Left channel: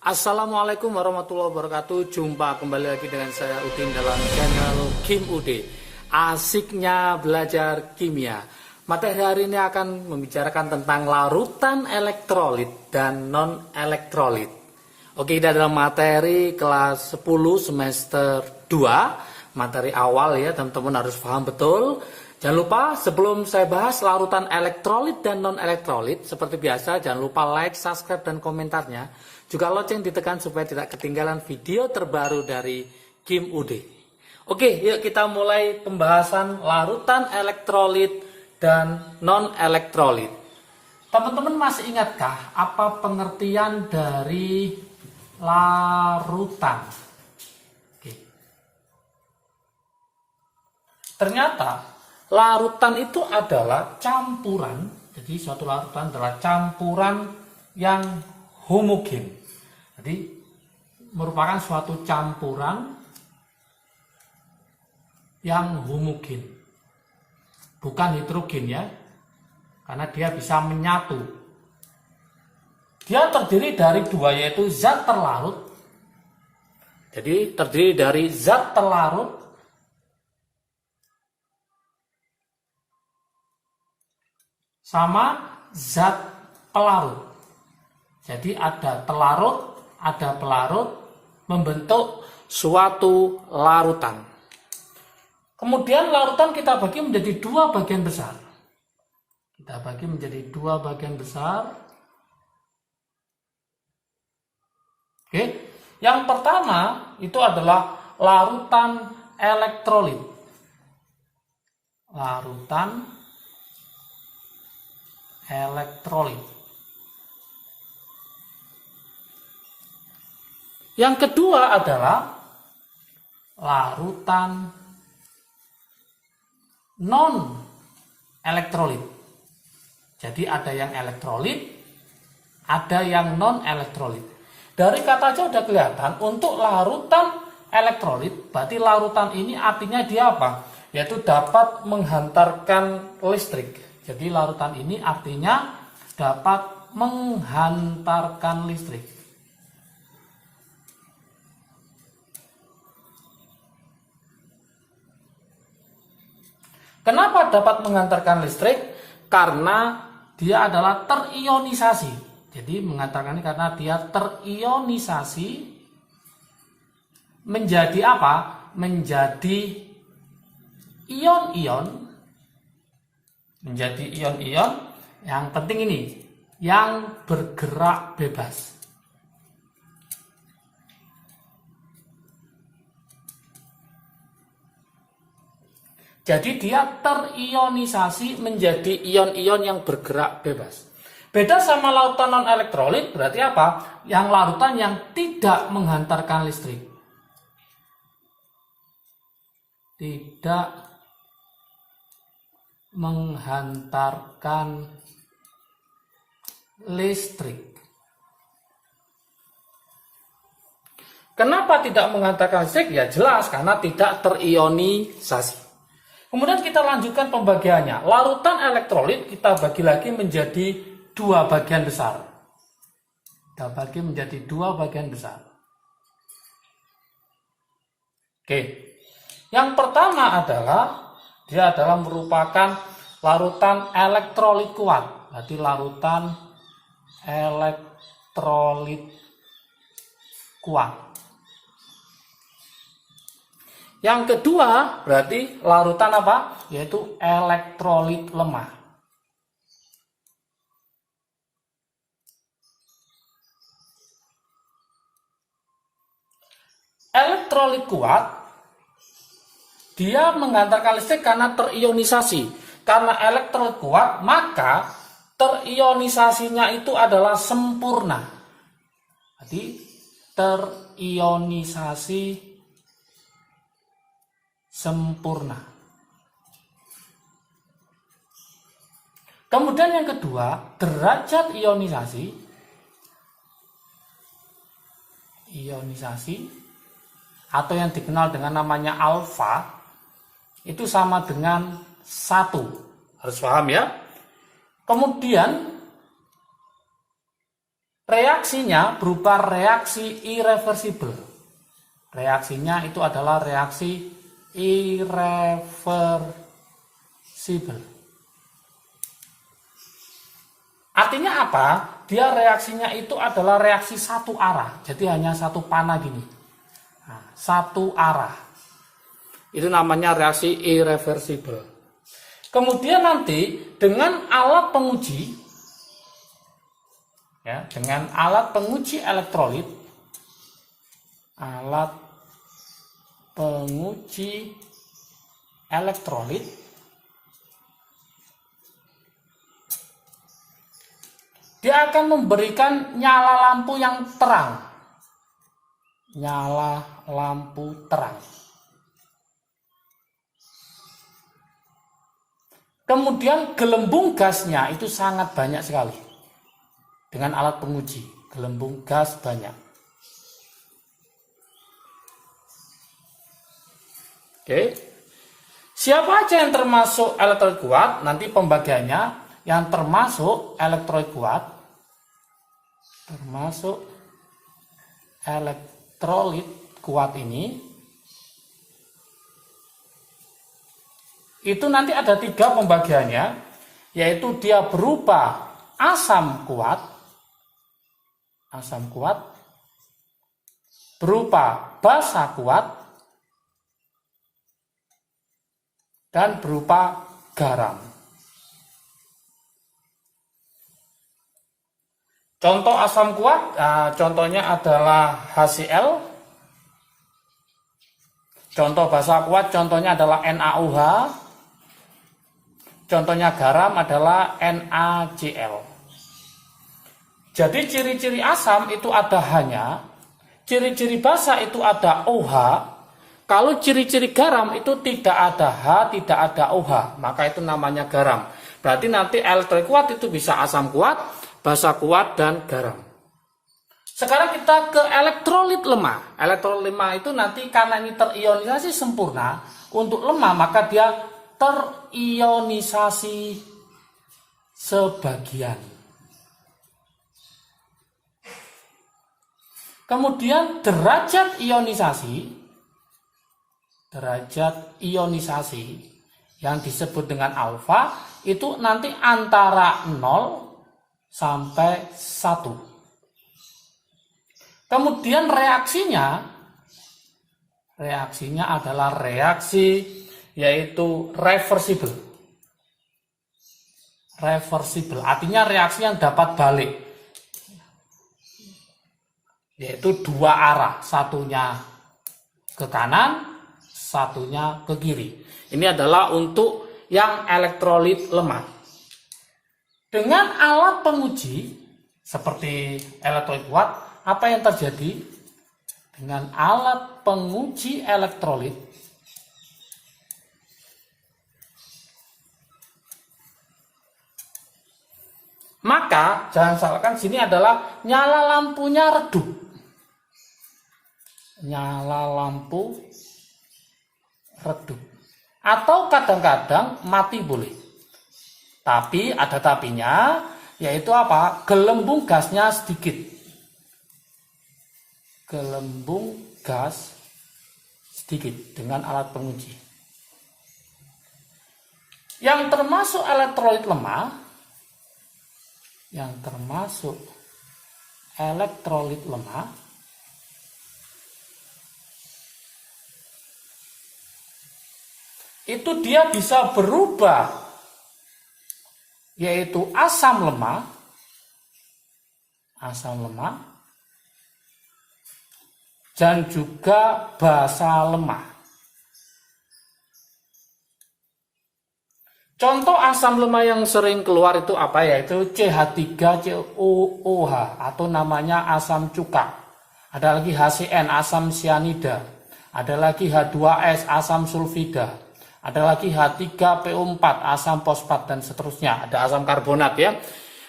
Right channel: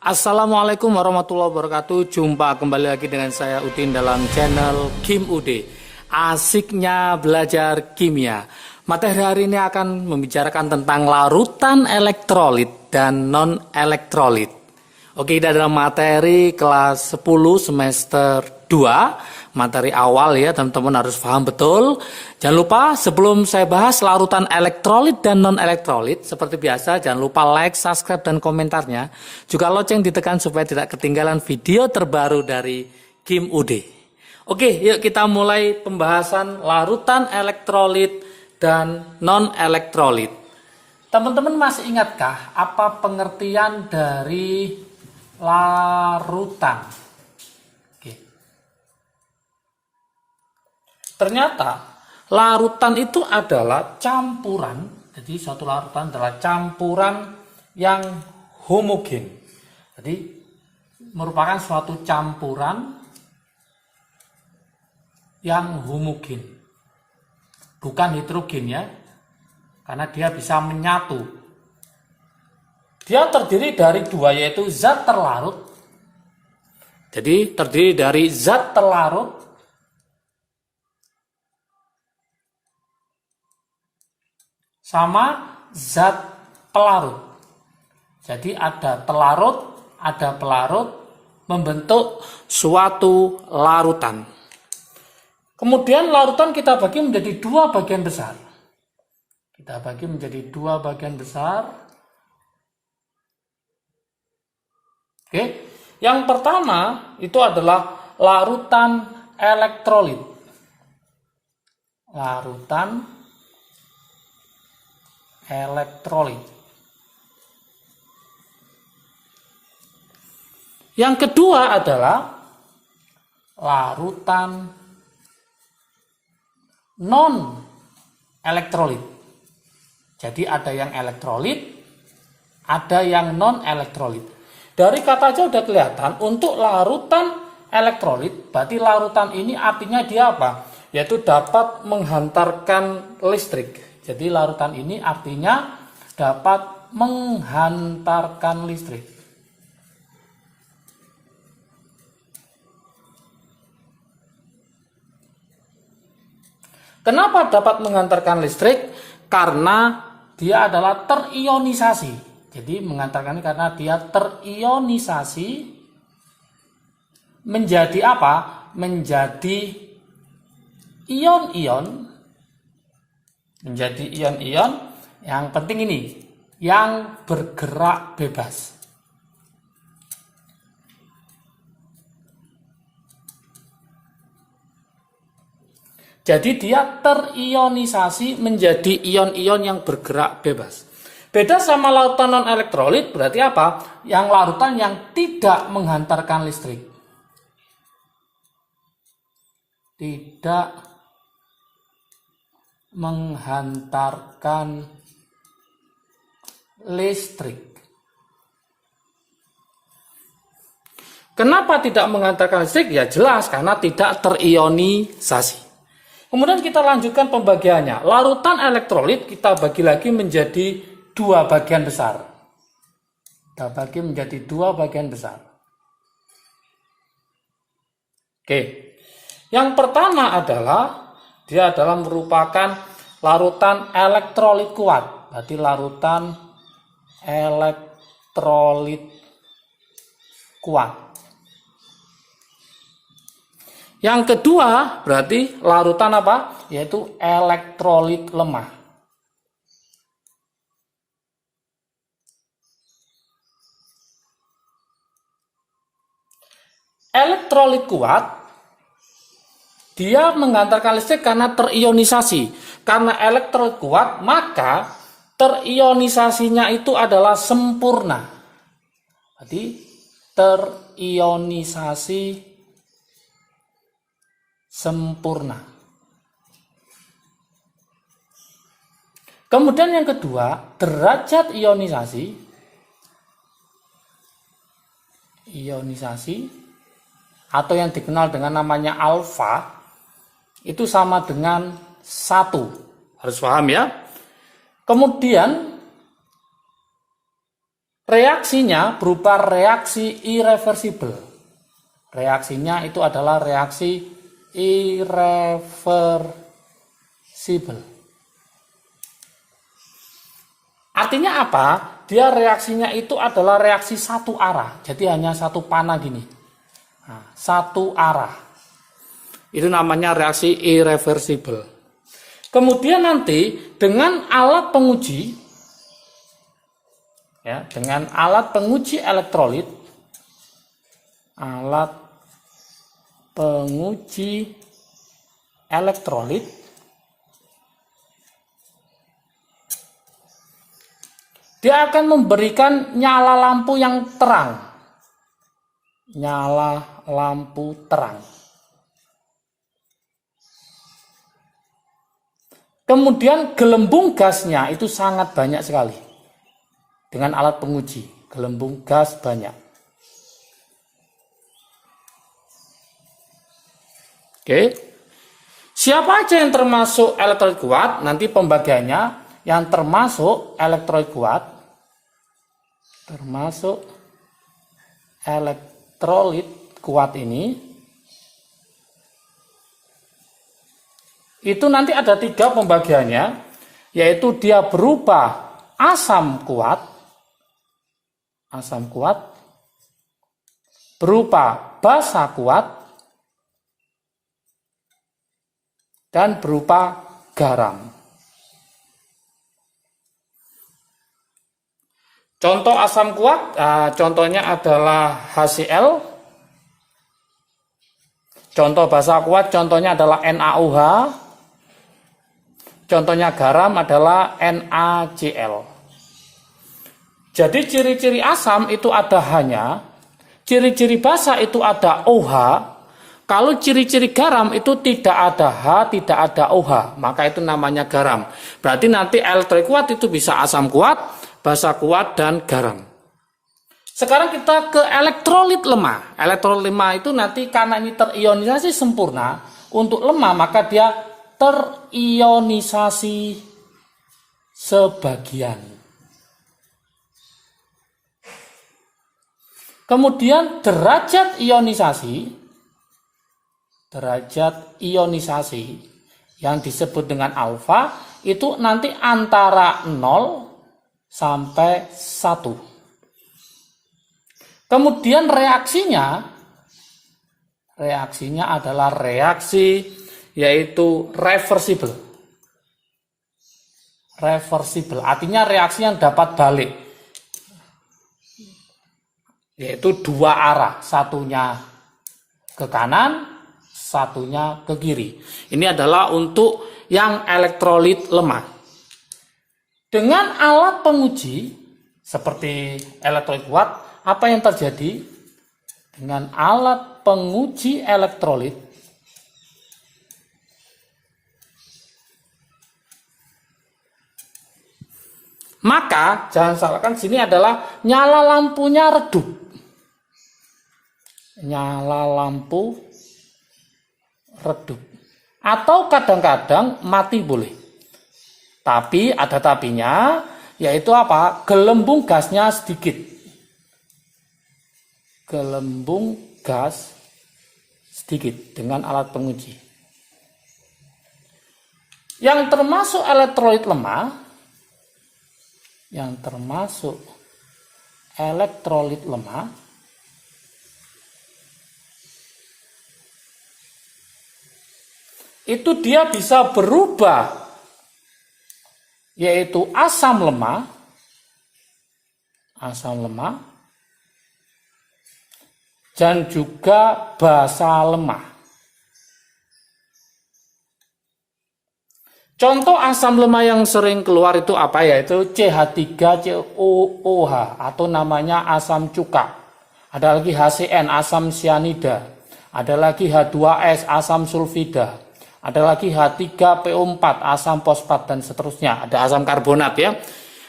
Assalamualaikum warahmatullahi wabarakatuh. Jumpa kembali lagi dengan saya Udin dalam channel Kim Ude. Asiknya belajar kimia. Materi hari ini akan membicarakan tentang larutan elektrolit dan non-elektrolit. Oke, kita dalam materi kelas 10 semester 2. Materi awal ya, teman-teman harus paham betul. Jangan lupa sebelum saya bahas larutan elektrolit dan non-elektrolit, seperti biasa jangan lupa like, subscribe, dan komentarnya. Juga lonceng ditekan supaya tidak ketinggalan video terbaru dari Kim Ude. Oke, yuk kita mulai pembahasan larutan elektrolit dan non-elektrolit. Teman-teman masih ingatkah apa pengertian dari larutan? Oke. Ternyata larutan itu adalah campuran, jadi suatu larutan adalah campuran yang homogen. Jadi merupakan suatu campuran yang homogen, bukan heterogen ya, karena dia bisa menyatu. Dia terdiri dari dua, yaitu zat terlarut. Jadi terdiri dari zat terlarut sama zat pelarut. Jadi ada telarut, ada pelarut, membentuk suatu larutan. Kemudian larutan kita bagi menjadi dua bagian besar. Kita bagi menjadi dua bagian besar. Oke. Yang pertama itu adalah larutan elektrolit. Larutan elektrolit. Yang kedua adalah larutan non-elektrolit. Jadi ada yang elektrolit, ada yang non-elektrolit. Dari kata aja udah kelihatan, untuk larutan elektrolit, berarti larutan ini artinya dia apa? Yaitu dapat menghantarkan listrik. Jadi larutan ini artinya dapat menghantarkan listrik. Kenapa dapat menghantarkan listrik? Karena dia adalah terionisasi. Jadi menghantarkan karena dia terionisasi menjadi apa? Menjadi ion-ion. Menjadi ion-ion yang penting ini, yang bergerak bebas. Jadi dia terionisasi menjadi ion-ion yang bergerak bebas. Beda sama larutan non-elektrolit berarti apa? Yang larutan yang tidak menghantarkan listrik. Tidak menghantarkan listrik. Kenapa tidak menghantarkan listrik? Ya jelas karena tidak terionisasi. Kemudian kita lanjutkan pembagiannya. Larutan elektrolit kita bagi lagi menjadi dua bagian besar. Kita bagi menjadi dua bagian besar. Oke. Yang pertama adalah dia adalah merupakan larutan elektrolit kuat. Berarti larutan elektrolit kuat. Yang kedua berarti larutan apa? Yaitu elektrolit lemah. Elektrolit kuat dia menghantarkan listrik karena terionisasi. Karena elektrolit kuat maka terionisasinya itu adalah sempurna. Jadi terionisasi sempurna. Kemudian yang kedua, derajat ionisasi atau yang dikenal dengan namanya alfa itu sama dengan 1. Harus paham ya. Kemudian Reaksinya berupa reaksi irreversible. Reaksinya itu adalah reaksi irreversible. Artinya apa? Dia reaksinya itu adalah reaksi satu arah. Jadi hanya satu panah gini. Nah, satu arah. Itu namanya reaksi irreversible. Kemudian nanti dengan alat penguji, ya, dengan alat penguji elektrolit, alat penguji elektrolit, dia akan memberikan nyala lampu yang terang. Nyala lampu terang. Kemudian gelembung gasnya itu sangat banyak sekali. Dengan alat penguji, gelembung gas banyak. Oke. Siapa aja yang termasuk elektrolit kuat? Nanti pembagiannya yang termasuk elektrolit kuat. Termasuk elektrolit kuat ini itu nanti ada 3 pembagiannya, yaitu dia berupa asam kuat, berupa basa kuat, dan berupa garam. Contoh asam kuat, contohnya adalah HCl. Contoh basa kuat, contohnya adalah NaOH. Contohnya garam adalah NaCl. Jadi ciri-ciri asam itu ada hanya, ciri-ciri basa itu ada OH. Kalau ciri-ciri garam itu tidak ada H, tidak ada OH, maka itu namanya garam. Berarti nanti elektrolit kuat itu bisa asam kuat, basa kuat, dan garam. Sekarang kita ke elektrolit lemah. Elektrolit lemah itu nanti karena ini terionisasi sempurna, untuk lemah maka dia terionisasi sebagian. Kemudian derajat ionisasi yang disebut dengan alfa itu nanti antara 0 sampai 1. Kemudian reaksinya adalah reaksi yaitu reversible. Reversible artinya reaksi yang dapat balik, yaitu 2 arah, satunya ke kanan, satunya ke kiri. Ini adalah untuk yang elektrolit lemah. Dengan alat penguji seperti elektrolit kuat, apa yang terjadi? Dengan alat penguji elektrolit, maka jangan salahkan sini adalah nyala lampunya redup. Nyala lampu redup. Atau kadang-kadang mati boleh. Tapi ada tapinya, yaitu apa? Gelembung gasnya sedikit. Gelembung gas sedikit dengan alat penguji. Yang termasuk elektrolit lemah, itu dia bisa berubah, yaitu asam lemah, dan juga basa lemah. Contoh asam lemah yang sering keluar itu apa? Yaitu CH3COOH atau namanya asam cuka. Ada lagi HCN, asam sianida. Ada lagi H2S, asam sulfida. Ada lagi H3PO4, asam fosfat, dan seterusnya. Ada asam karbonat ya.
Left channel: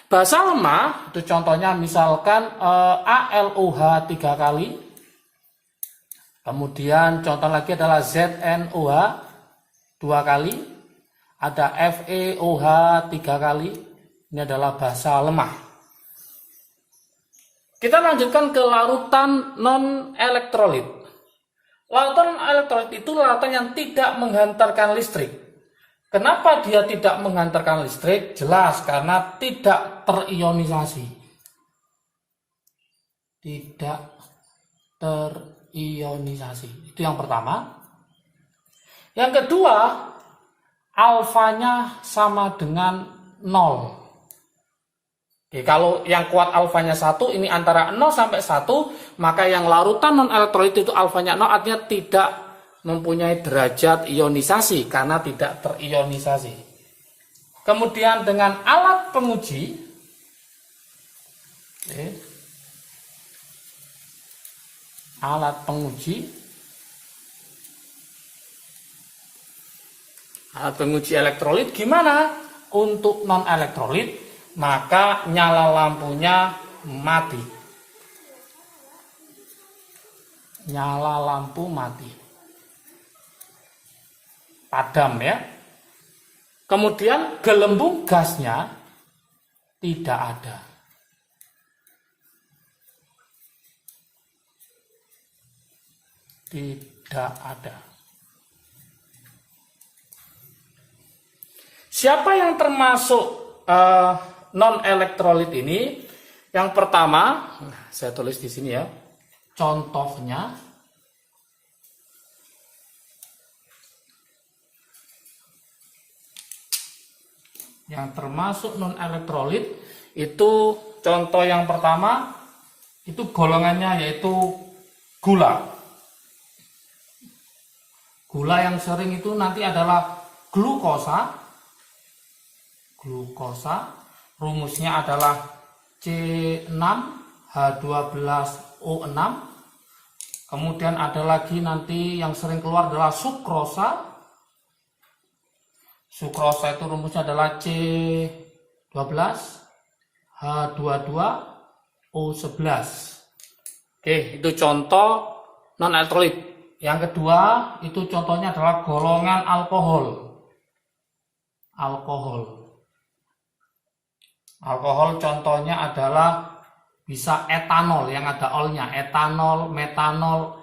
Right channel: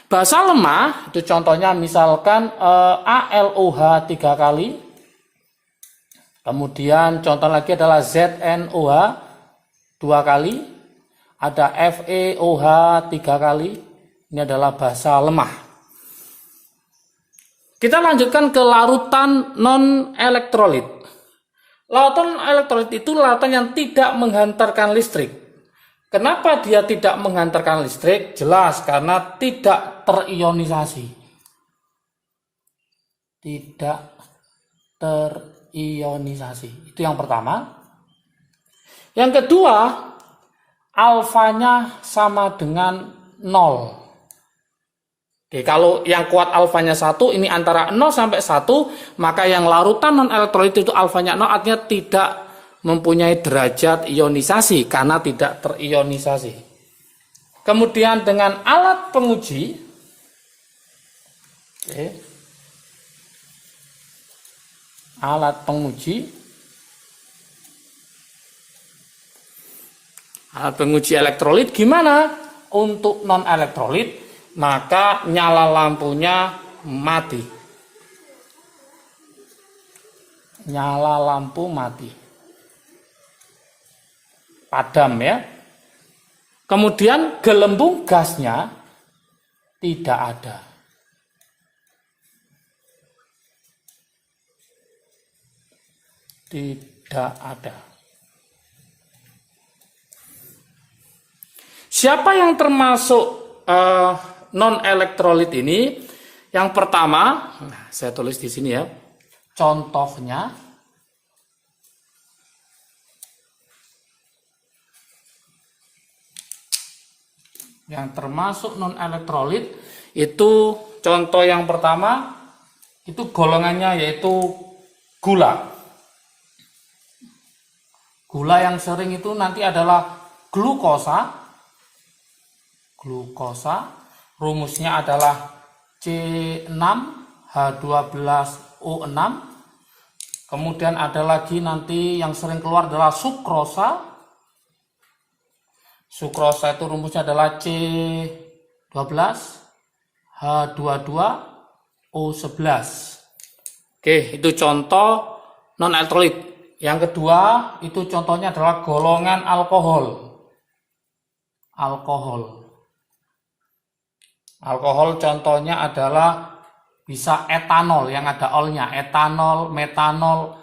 Basa lemah itu contohnya misalkan ALOH 3 kali. Kemudian contoh lagi adalah ZNOH 2 kali. Ada FeOH 3 kali. Ini adalah basa lemah. Kita lanjutkan ke larutan non-elektrolit. Larutan elektrolit itu larutan yang tidak menghantarkan listrik. Kenapa dia tidak menghantarkan listrik? Jelas, karena tidak terionisasi. Tidak terionisasi. Itu yang pertama. Yang kedua, alfanya sama dengan 0. Oke, kalau yang kuat alfanya 1, ini antara 0 sampai 1, maka yang larutan non-elektrolit itu alfanya 0, artinya tidak mempunyai derajat ionisasi karena tidak terionisasi. Kemudian dengan alat penguji, oke, alat penguji elektrolit gimana? Untuk non-elektrolit, maka nyala lampunya mati. Nyala lampu mati. Padam ya. Kemudian gelembung gasnya tidak ada. Tidak ada. Siapa yang termasuk non-elektrolit ini? Yang pertama, saya tulis di sini ya, contohnya yang termasuk non-elektrolit itu, contoh yang pertama itu golongannya yaitu gula. Gula yang sering itu nanti adalah glukosa. Rumusnya adalah C6H12O6. Kemudian ada lagi nanti yang sering keluar adalah sukrosa. Sukrosa itu rumusnya adalah C12H22O11. Oke, itu contoh non-elektrolit. Yang kedua, itu contohnya adalah golongan alkohol. Alkohol contohnya adalah bisa etanol yang ada olnya, etanol, metanol,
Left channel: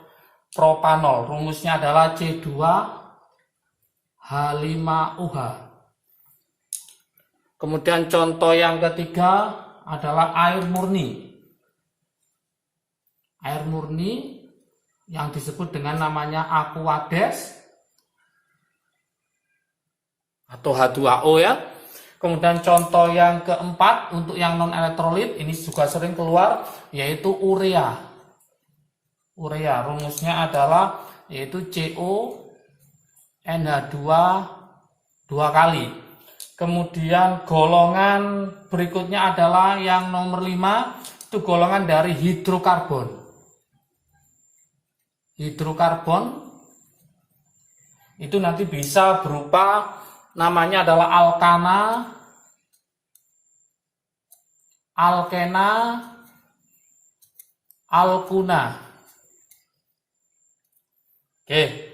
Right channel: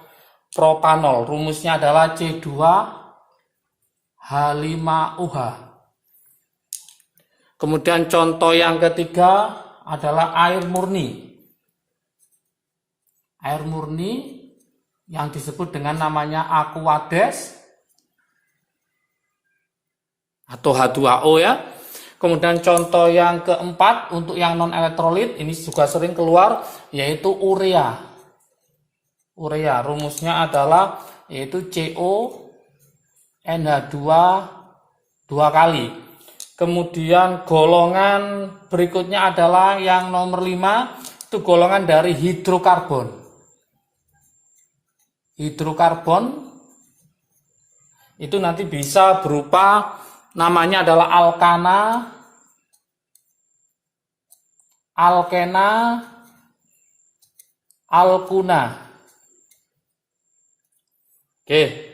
propanol. Rumusnya adalah C2H5OH. Kemudian contoh yang ketiga adalah air murni. Air murni yang disebut dengan namanya Aquades atau H2O ya. Kemudian contoh yang keempat untuk yang non-elektrolit, ini juga sering keluar, yaitu urea. Urea rumusnya adalah yaitu CONH2 2 kali. Kemudian golongan berikutnya adalah yang nomor 5, itu golongan dari hidrokarbon. Hidrokarbon itu nanti bisa berupa, namanya adalah alkana, alkena, alkuna. Oke.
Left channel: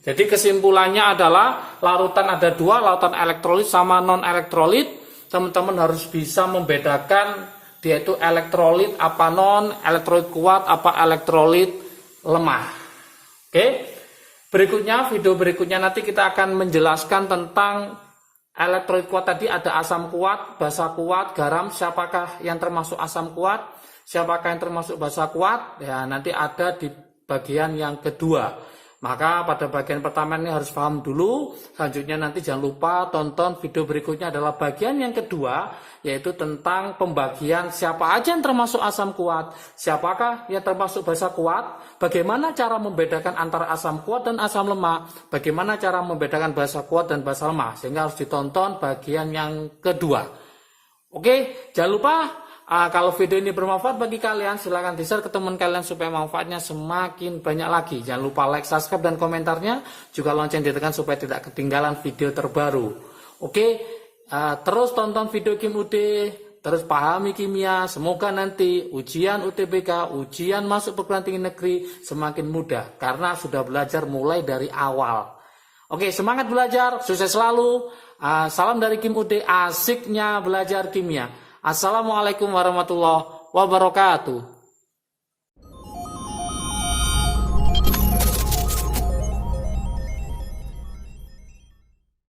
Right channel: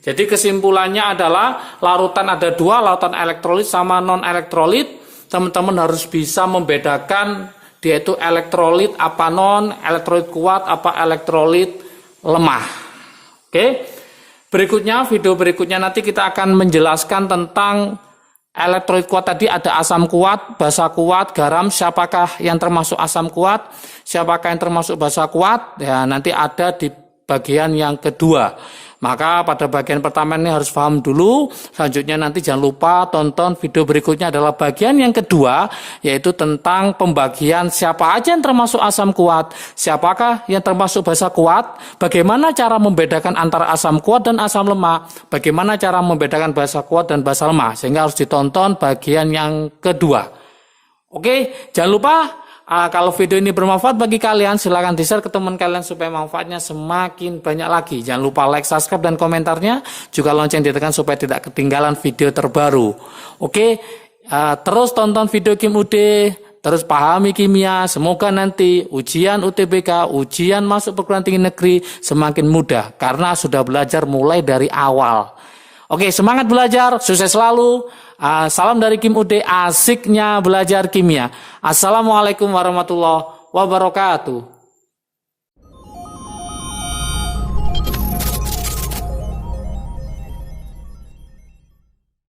Jadi kesimpulannya adalah larutan ada dua, larutan elektrolit sama non-elektrolit. Teman-teman harus bisa membedakan dia itu elektrolit apa non, elektrolit kuat apa elektrolit lemah. Oke. Berikutnya, video berikutnya nanti kita akan menjelaskan tentang elektrolit kuat tadi. Ada asam kuat, basa kuat, garam. Siapakah yang termasuk asam kuat, siapakah yang termasuk basa kuat, ya nanti ada di bagian yang kedua. Maka pada bagian pertama ini harus paham dulu. Selanjutnya nanti jangan lupa tonton video berikutnya adalah bagian yang kedua, yaitu tentang pembagian siapa aja yang termasuk asam kuat, siapakah yang termasuk basa kuat, bagaimana cara membedakan antara asam kuat dan asam lemah, bagaimana cara membedakan basa kuat dan basa lemah, sehingga harus ditonton bagian yang kedua. Oke, jangan lupa kalau video ini bermanfaat bagi kalian, silahkan di-share ke teman kalian supaya manfaatnya semakin banyak lagi. Jangan lupa like, subscribe, dan komentarnya. Juga lonceng ditekan supaya tidak ketinggalan video terbaru. Oke, terus tonton video Kim UD, terus pahami kimia. Semoga nanti ujian UTBK, ujian masuk perguruan tinggi negeri semakin mudah. Karena sudah belajar mulai dari awal. Oke, semangat belajar, sukses selalu. Salam dari Kim UD, asiknya belajar kimia. Assalamualaikum warahmatullahi wabarakatuh.